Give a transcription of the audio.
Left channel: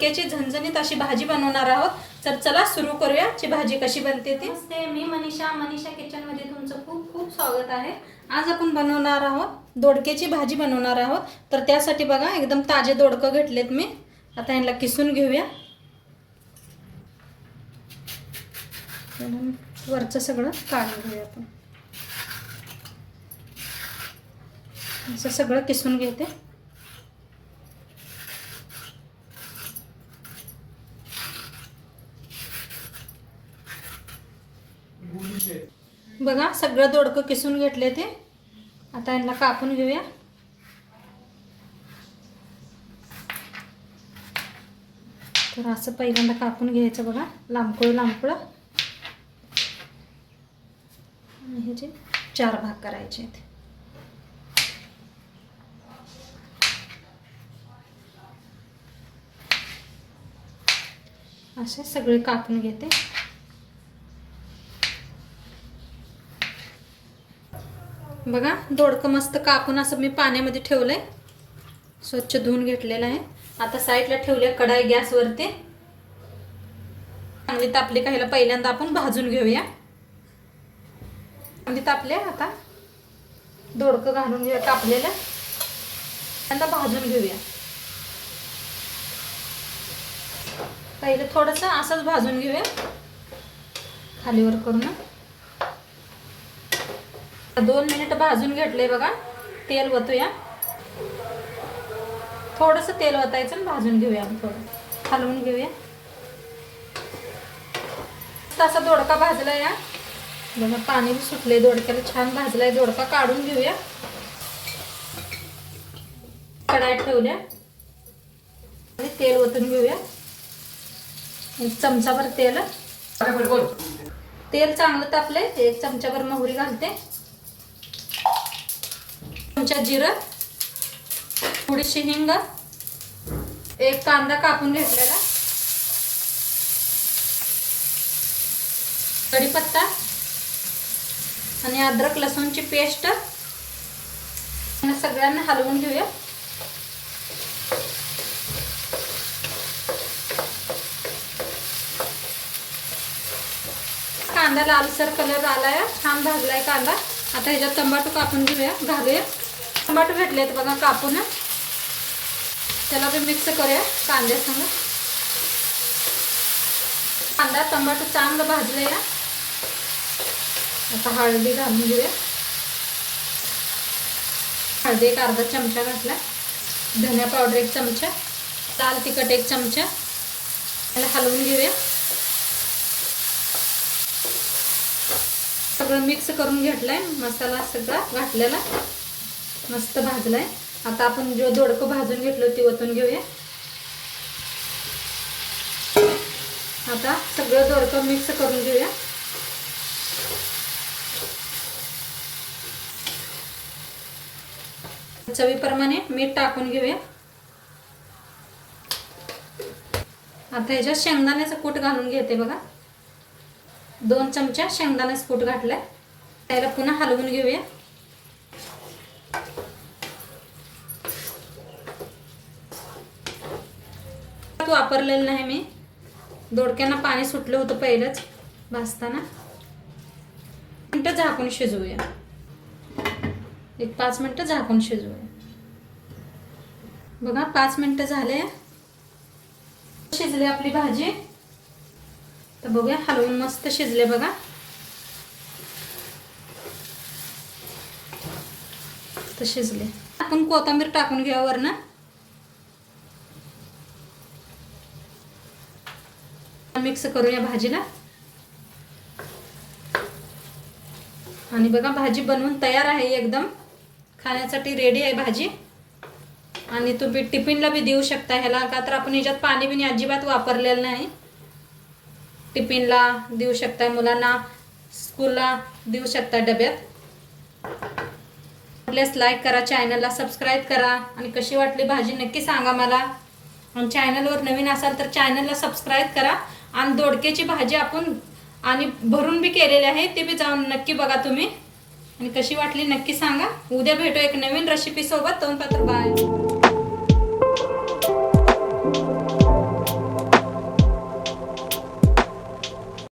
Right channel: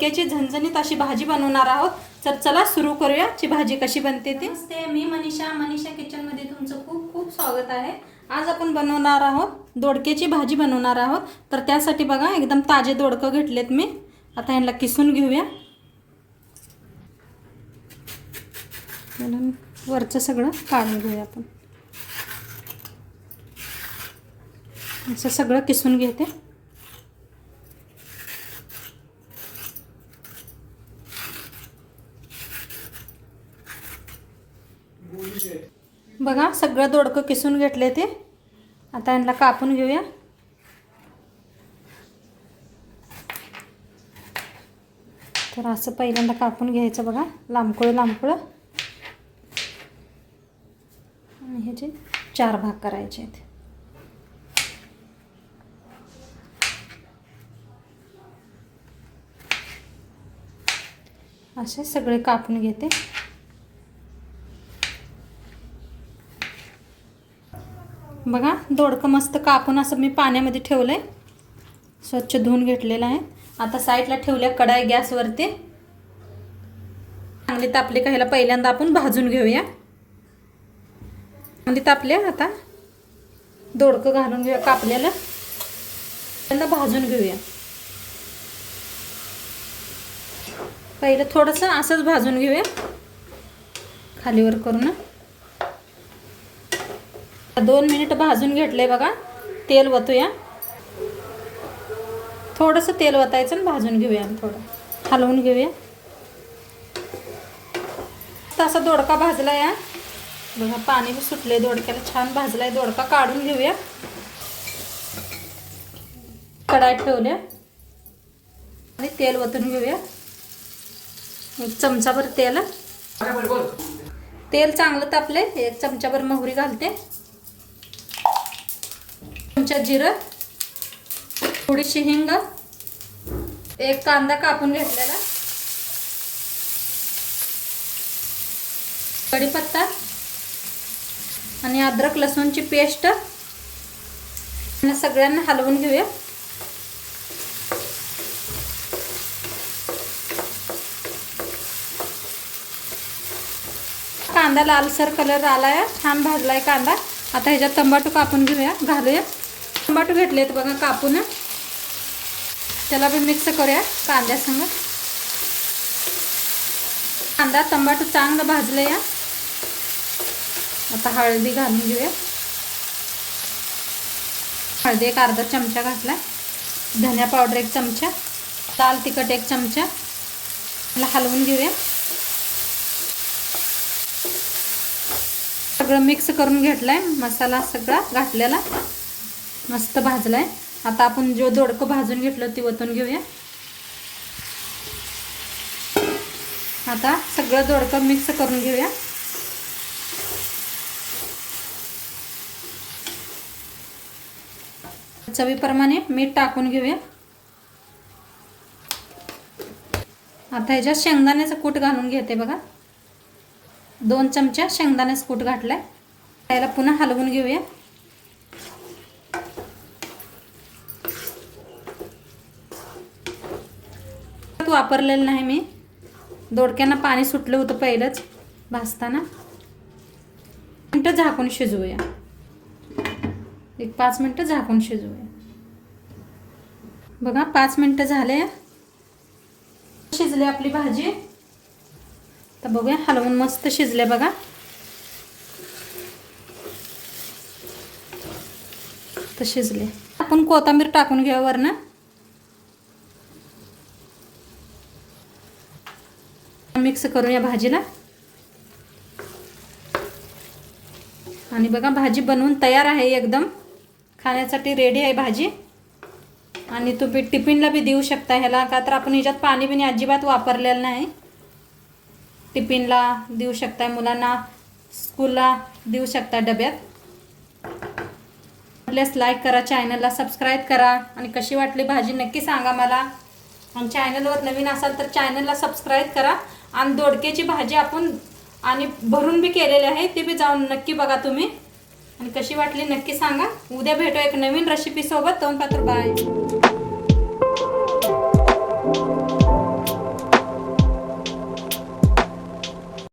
दोडक्याची झणझणीत अशी भाजी बनवणार आहोत। तर चला सुरू करूया ची भाजी कशी बनते ते। नमस्ते, मी मनीषा किचन मध्ये तुमचं खूप खूप स्वागत आहे। आज आपण बनवणार आहोत दोडक्याची भाजी बनवणार आहोत। तर त्यासाठी बघा एकदम ताजे दोडकं घेतलेत मी। आता यांना किसून घेऊया। वरचं सगळं काढून घेऊया आपण। असं सगळं किसून घेते। बघा सगळं दोडकं किसून घेतले ते। आता यांना कापून घेऊया। तर असं पहिल्यांदा कापून घ्यायचं बघा, लांबकुळ लांबकुळ। आणि ह्याचे 4 भाग करायचे आहेत। असे सगळे कापून घेते। बघा दोडकं मस्त कापून असं मी पाण्यामध्ये ठेवलंय, स्वच्छ धुवून घेतलेलं आहे। आता साईडला ठेवल्या कढाई गॅसवरती। चांगली तापली का ह्याला पहिल्यांदा आपण भाजून घेऊया। चांगली तापले, आता दोडकं घालून घेऊया कापलेलं, त्यांना भाजून घेऊया। पहिलं थोडंसं असंच भाजून घेऊया खालीवर करून। 2 मिनिट भाजून घेतले बघा। तेल वतूया, थोडंसं तेल वतायचं आणि भाजून घेऊया। थोडं हलवून घेऊया। असा दोडका भाजलाय बघा, पाणी सुटले दोडक्याला, छान भाजलाय दोडका। काढून घेऊया। कढाई ठेवल्या आणि तेल वतून घेऊया। 1 चमचाभर तेल। तेल चांगलं तापले, 1 चमचाभर मोहरी घालते, चमचा जिरं, थोडीशी हिंग, 1 कांदा कापून घेतलेला, कढीपत्ता आणि अद्रक लसूणची पेस्ट। सगळ्यांना हलवून घेऊया। कांदा लालसर कलर आलाय, छान भाजलाय कांदा। आता ह्याच्यात टमाटो कापून घेऊया, घालूया। टमाटो घेतलेत बघा कापून, त्याला पण मिक्स करूया कांद्यासंग। कांदा टमाटो चांगलं भाजले या। आता हळदी घालून घेऊया। हळदी 1 अर्धा चमचा घातला, धनिया पावडर 1 चमचा, लाल तिखट 1 चमचा। त्याला हलवून घेऊया। सगळं मिक्स करून घेतलाय, मसाला सगळा घातलेला मस्त भाजलाय। आता आपण जो दोडकं भाजून घेतलं ती ओतून घेऊया। आता सगळं दोडकं मिक्स करून घेऊया। चवीप्रमाणे मीठ टाकून घेऊया। आता ह्याच्यात शेंगदाण्याचं कूट घालून घेते बघा, 2 चमचे शेंगदाण्याचं कूट घातलाय। त्याला पुन्हा हलवून घेऊया। वापरलेलं नाही मी, दोडक्यांना पाणी सुटलं होतं पहिलंच भाजताना। मिनिटं झाकून शिजवूया, 5 मिनिटं झाकून शिजवूया। बघा 5 मिनिटं झाले, शिजली आपली भाजी। तर बघूया, हलवून मस्त शिजले बघा। तर शिजले, आपण कोथिंबीर टाकून घेऊ वरनं। मिक्स करूया भाजीला। आणि बघा भाजी बनवून तयार आहे, एकदम खाण्यासाठी रेडी आहे भाजी। आणि तुम्ही टिफिनला बी देऊ शकता ह्याला, का तर आपण ह्याच्यात पाणी बिनी अजिबात वापरलेलं नाही। टिफिनला देऊ शकता, मुलांना स्कूलला देऊ शकता डब्यात। प्लीज लाईक करा, चॅनलला सबस्क्राईब करा आणि कशी वाटली भाजी नक्की सांगा मला। आणि चॅनलवर नवीन असाल तर चॅनलला सबस्क्राईब करा। आणि दोडक्याची भाजी आपण आणि भरून बी केलेली आहे, ती बी जाऊन नक्की बघा तुम्ही आणि कशी वाटली नक्की सांगा। उद्या भेटू एक नवीन रेसिपी सोबत। तोपर्यंत बाय।